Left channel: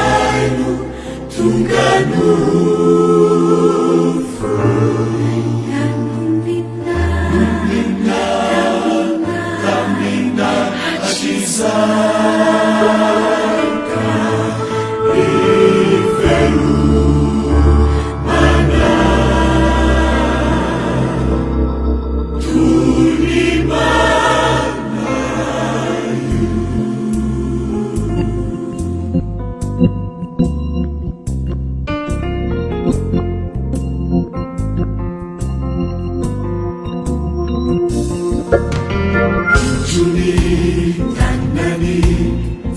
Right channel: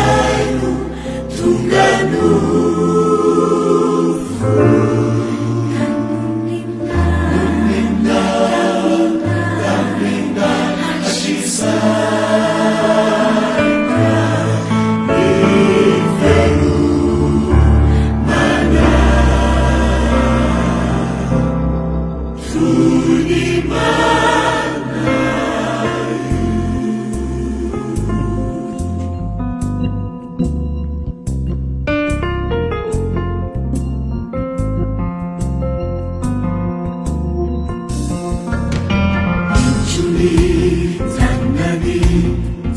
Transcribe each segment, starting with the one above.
saino tonga nofo namina asisaika ivelo mana tulimana tandani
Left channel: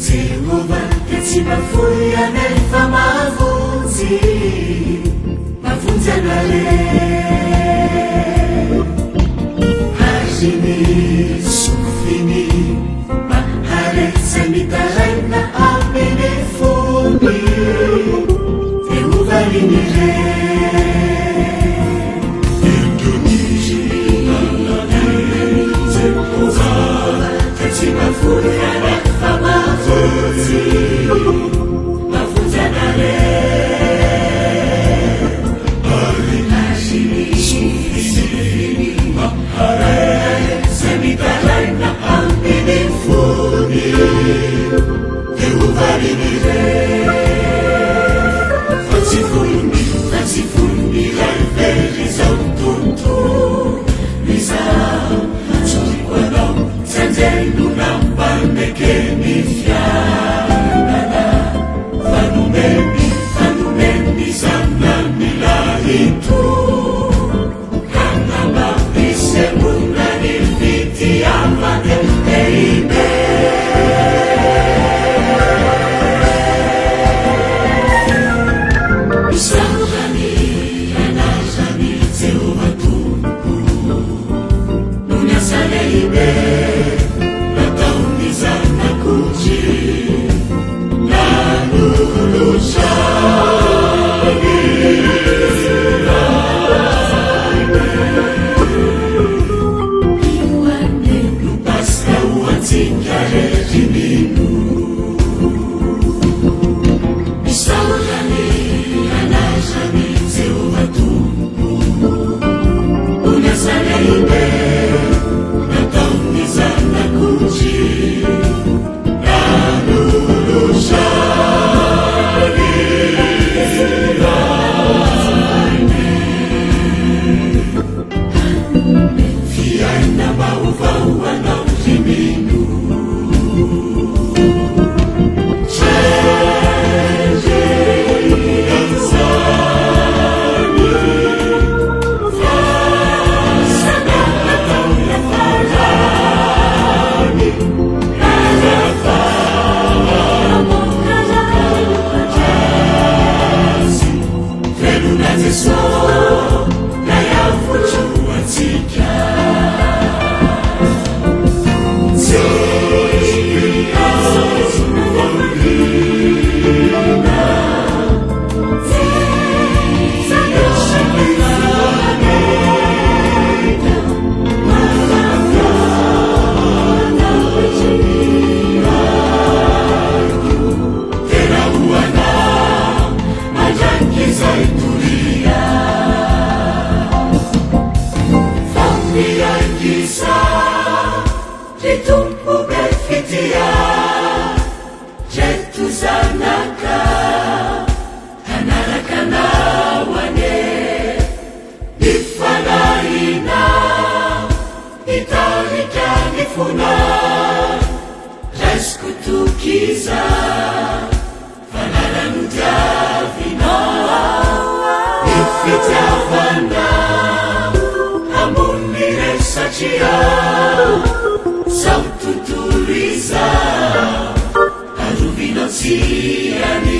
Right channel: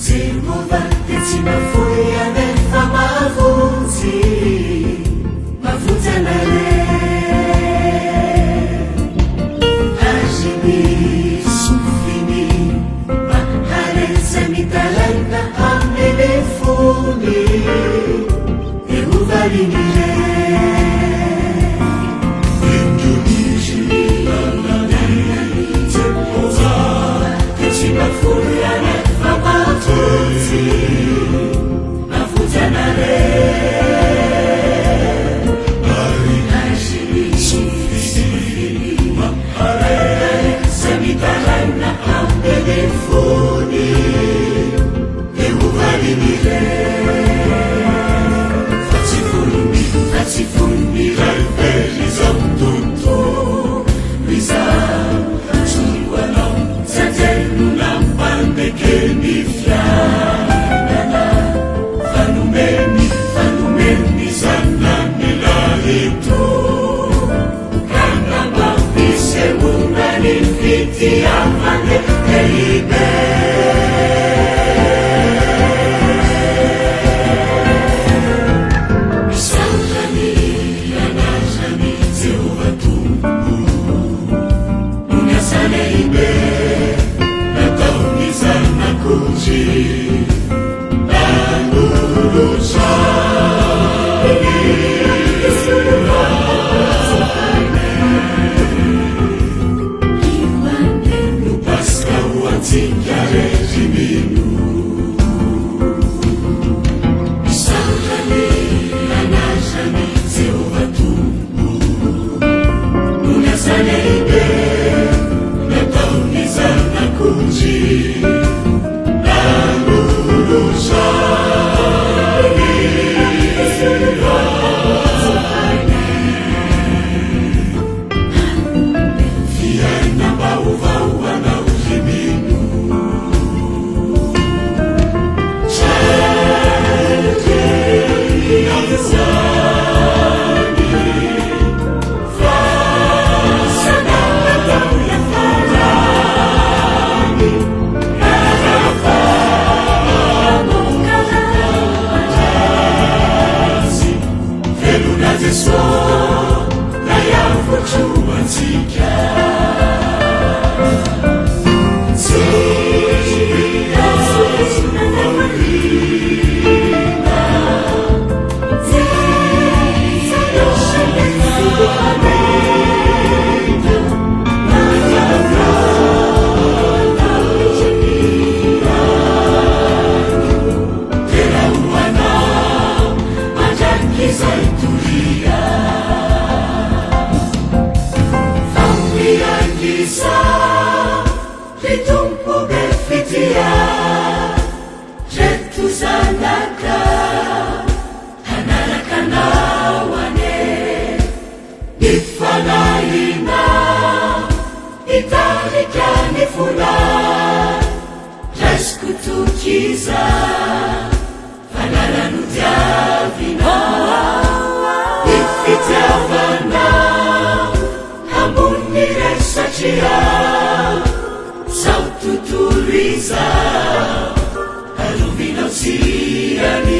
Jehova tsy mafoy anefa mavontsy mavontsy anareo azony sofiny maharetsany talaina amin'ny fony Jehova indonizy Jehova tsy mafoy anefa mavontsy mavontsy anareo ary azony sofiny maharetsany talaina amin'ny fony Jehova Fa tsy fony ray very zao tontolo mizao tsohoanao sanjelona mbandekeny fiainana fanomeny zanany lahito kana mampisehoana ny fitiavana lehibe misaotrany anazany Jehova Tompo unasa lehibe nataony zanak'omby nanolotsany no paska ho antsika regimino misaotrany anazany Jehova Tompo unasa lehibe nataony zanak'omby fiaina vaovaoanao himino Litumpo befitia Jetu zanaka Hanarakanawanye Nifanaina Italikanifuna Reskutukiza Falalanutavina Ifitavana Kamunire Sachia Saututuliza Aluvinausiani